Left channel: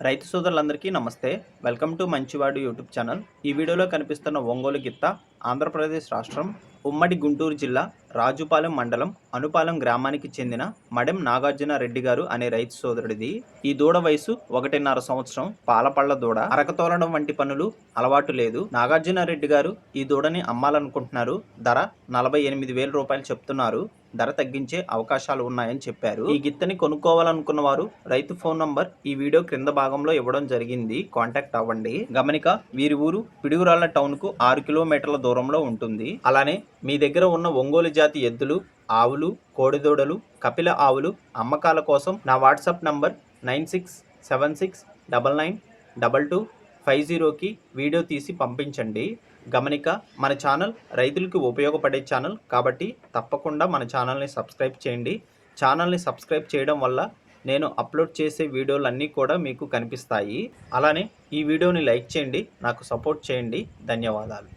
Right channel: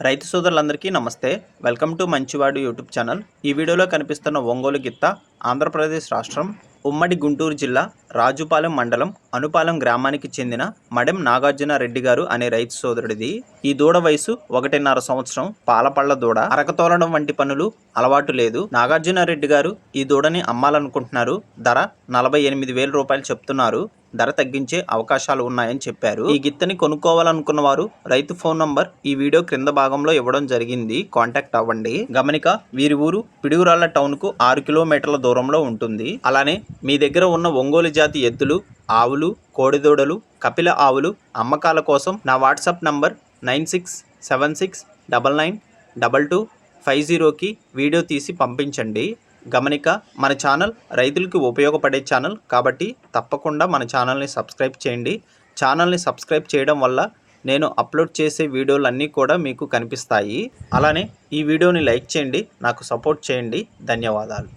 రైతు సోదరులందరికీ నమస్తే. వెల్కమ్ టు మంచివాడు యూట్యూబ్ ఛానల్. ఈ వీడియోలో కనిపిస్తున్న ఒంగోలు గిత్త ఆంధ్రప్రదేశ్ రాష్ట్రం ఉమ్మడి గుంటూరు జిల్లా రాజుపాలెం మండలం అనుపాలెం గ్రామానికి చెందిన మడెం నాగార్జున రెడ్డి గారు అనే రైతు సోదరుడిది. ఈ దూడ వయసు 1.5 సంవత్సరం. పాలపళ్ళ దూడ. అరకతోలడం వంటి పనులు అలవాటు లేదు. నాగార్జున రెడ్డి గారు ఈ దూడని అమ్మాలనుకుంటున్నారు. ధర 48,000 రూపాయలు చెప్తున్నారు. ధర తగ్గించే అవకాశాలు ఉన్నాయని చెప్పారు. ఈ గిత్తని కొనుక్కోవాలనుకున్న వారు రైతు ఫోన్ నంబర్ ఈ వీడియో క్రింద భాగంలో ఇవ్వడం జరిగింది. కాంటాక్ట్ అవ్వండి. గమనిక, వీరి ఊరు పిడుగురాళ్ల టౌన్ కు 6 కిలోమీటర్ల దూరంలో ఉంటుంది. అలానే మీ దగ్గర ఉన్న ఒంగోలు జాతి ఎద్దులు, ఆవులు, కోడిదూడలు, కపిల ఆవులు అమ్మకాల కోసం నా వాట్సాప్ నంబర్ 9676992250కి వీడియో తీసి పంపించండి. గమనిక, మన ఛానల్ రైతులకు ఉపయోగపడే ఛానల్ కాబట్టి తప్పకుండా మన ఛానల్ని సబ్స్క్రైబ్ చేయండి. ఛానల్ని సబ్స్క్రైబ్ చేయడం వల్ల నేను అప్లోడ్ చేసే వీడియోలన్నీ కూడా మీకు కనిపిస్తాయి. అలానే ఈ వీడియోని లైక్ చేయండి, నాకు సపోర్ట్ చేయండి. ధన్యవాదాలు.